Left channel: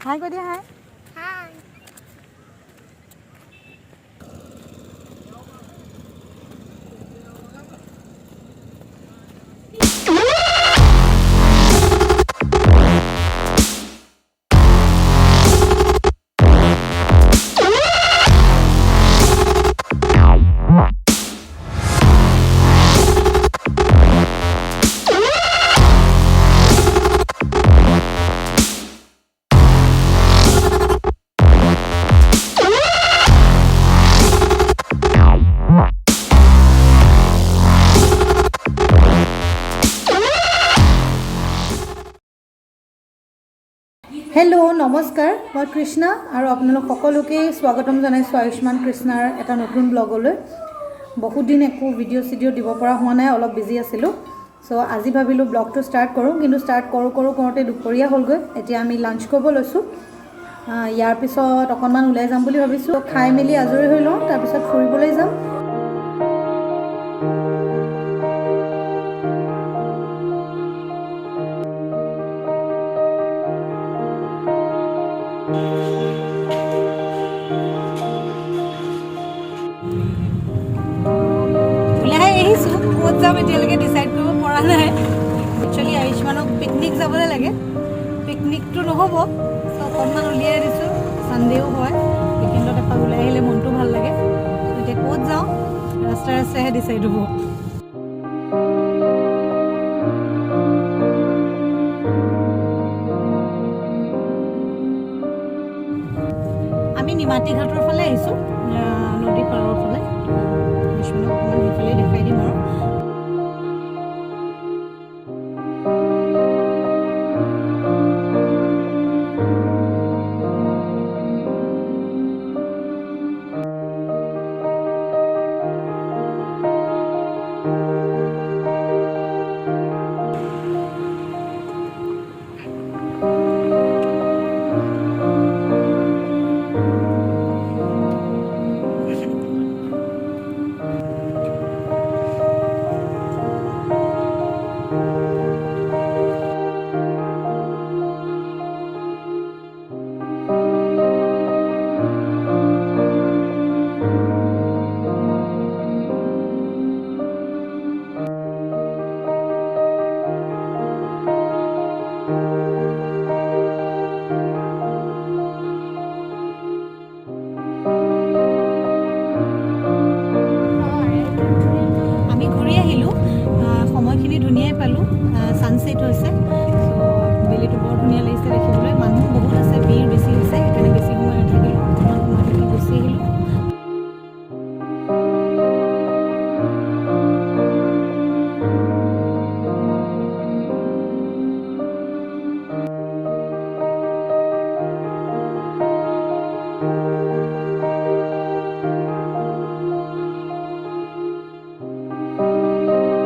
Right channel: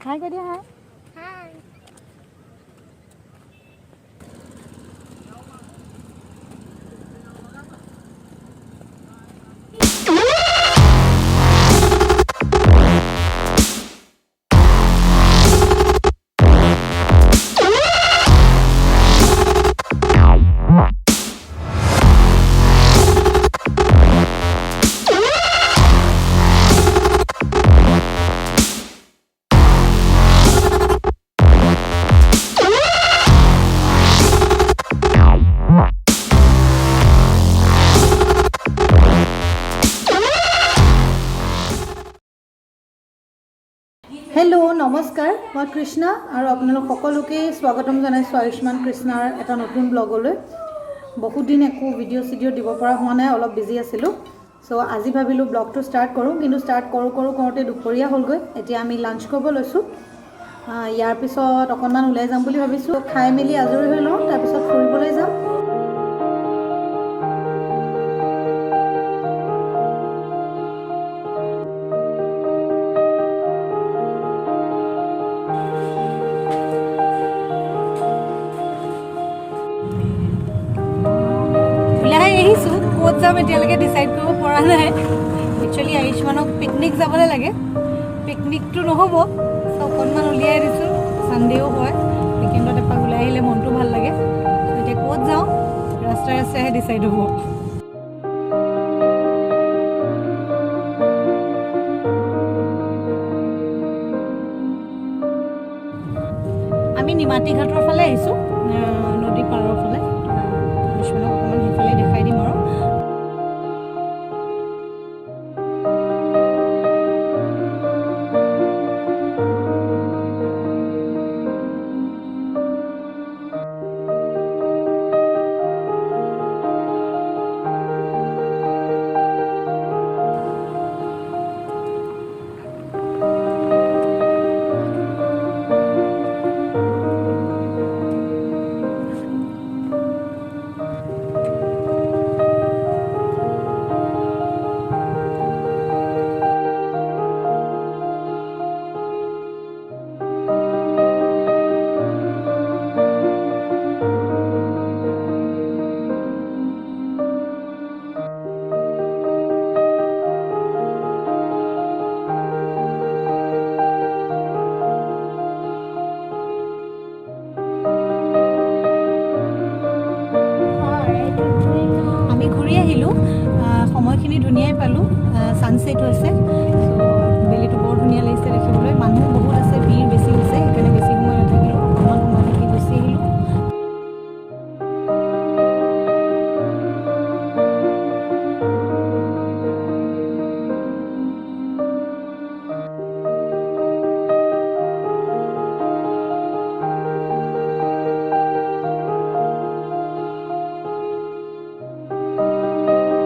Hi, good day. Hi. Hi. Hello, নমস্কাৰ মই কৃষ্ণা আৰু আপোনালোক সকলোকে স্বাগতম জনাইছো আয়ুষ্মান কৃষ্ণাৰ এটা নতুন ব্লগলৈ বহুত দিন একো ভিডিঅ' দিব পৰা হোৱা নাই অলপ বিজি আছিলো সো আজি ভাবিলো ব্লগটো ষ্টাৰ্ট কৰো কিন্তু ষ্টাৰ্ট কৰোতে দুপৰীয়া হ'লগৈ এতিয়া আমি লাঞ্চ কৰিব লৈছো ইয়াৰ পিছত অকনমান ওলাই যাম বুলি ভাবিছো খাই মেলি আজৰি হৈ লওঁ তাৰ পিছত ফুৰিবলৈ যাম এতিয়ালৈকে ডিসাইড কৰিব পৰা নাই একচুয়ালি আয়ুষ্মানক পিকনিক যাবলৈ লাগে পিকনিকটো নহব সো অকণমান উলিয়াই দিছো সানডেও হয় উইকেণ্ডত এপাক ওলাই আহিলে মনটো ভাল লাগে এতিয়া ক'ত যাওঁ ৰাস্তাহে ডিসাইড হ'ব আমি নিমাতীঘাটৰ ফালে আহিছো নদী পাৰৰ ফালে আয়ুষ্মানক অকণমান সেইফালে দেখাই দিম আৰু সময়খিনি ধুনিয়াই পালো সানসেট হৈছে সো বেলিটো বৰ ধুনিয়া লাগিছে দেখিবলৈ মানুহ বহুত আছে